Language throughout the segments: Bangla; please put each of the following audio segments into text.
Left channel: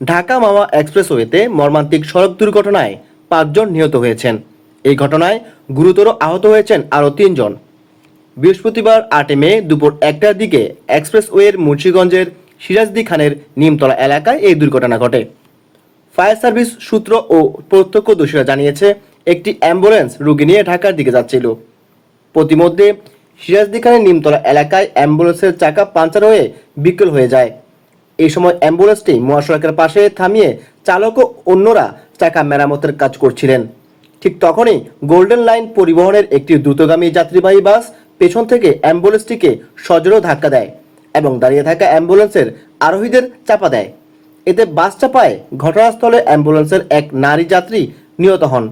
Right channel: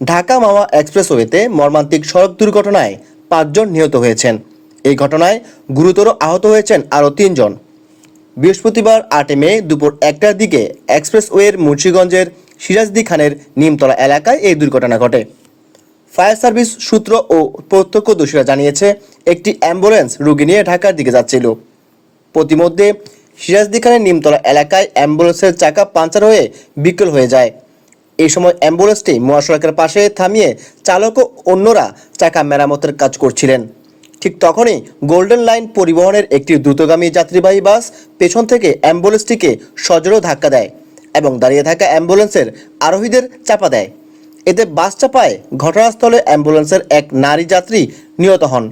ঢাকা মাওয়া এক্সপ্রেসওয়েতে মর্মান্তিক সড়ক দুর্ঘটনায় পাঁচজন নিহত হয়েছেন। এই ঘটনায় গুরুতর আহত হয়েছেন আরও তিনজন। বৃহস্পতিবার আটে মে দুপুর একটার দিকে এক্সপ্রেসওয়ের মুন্সীগঞ্জের সিরাজদি খানের নিমতলা এলাকায় এই দুর্ঘটনা ঘটে। ফায়ার সার্ভিস সূত্র ও প্রত্যক্ষদর্শীরা জানিয়েছে, একটি অ্যাম্বুলেন্স রুগী নিয়ে ঢাকার দিকে যাচ্ছিল। প্রতিমধ্যে সিরাজদি খানের নিমতলা এলাকায় অ্যাম্বুলেন্সের চাকা পাঞ্চার হয়ে বিকল হয়ে যায়। এই সময় অ্যাম্বুলেন্সটি মহাসড়কের পাশে থামিয়ে চালক ও অন্যরা চাকা মেরামতের কাজ করছিলেন। ঠিক তখনই গোল্ডেন লাইন পরিবহনের একটি দ্রুতগামী যাত্রীবাহী বাস পেছন থেকে অ্যাম্বুলেন্সটিকে সজোরে ধাক্কা দেয় এবং দাঁড়িয়ে থাকা অ্যাম্বুলেন্সের আরোহীদের চাপা দেয়। এতে বাস চাপায় ঘটনাস্থলে অ্যাম্বুলেন্সের এক নারী যাত্রী নিহত হন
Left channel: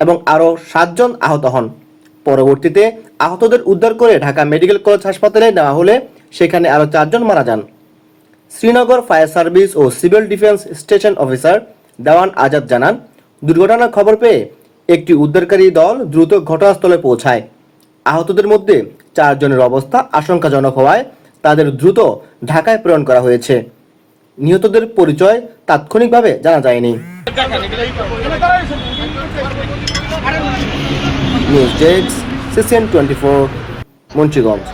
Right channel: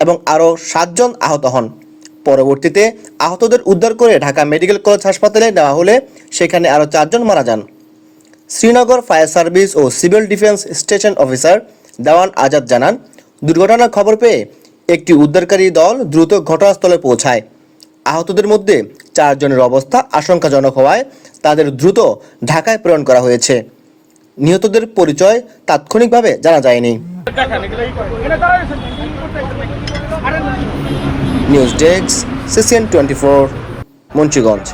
এবং আরও সাতজন আহত হন। পরবর্তীতে আহতদের উদ্ধার করে ঢাকা মেডিকেল কলেজ হাসপাতালে নেওয়া হলে সেখানে আরও চারজন মারা যান। শ্রীনগর ফায়ার সার্ভিস ও civil defence station officer Dewan Azad জানান দুর্ঘটনার খবর পেয়ে একটি উদ্ধারকারী দল দ্রুত ঘটনাস্থলে পৌঁছায়। আহতদের মধ্যে চারজনের অবস্থা আশঙ্কাজনক হওয়ায় তাদের দ্রুত ঢাকায় প্রেরণ করা হয়েছে। নিহতদের পরিচয় তাৎক্ষণিকভাবে জানা যায়নি। News desk, CCN twenty four, Munshiganj.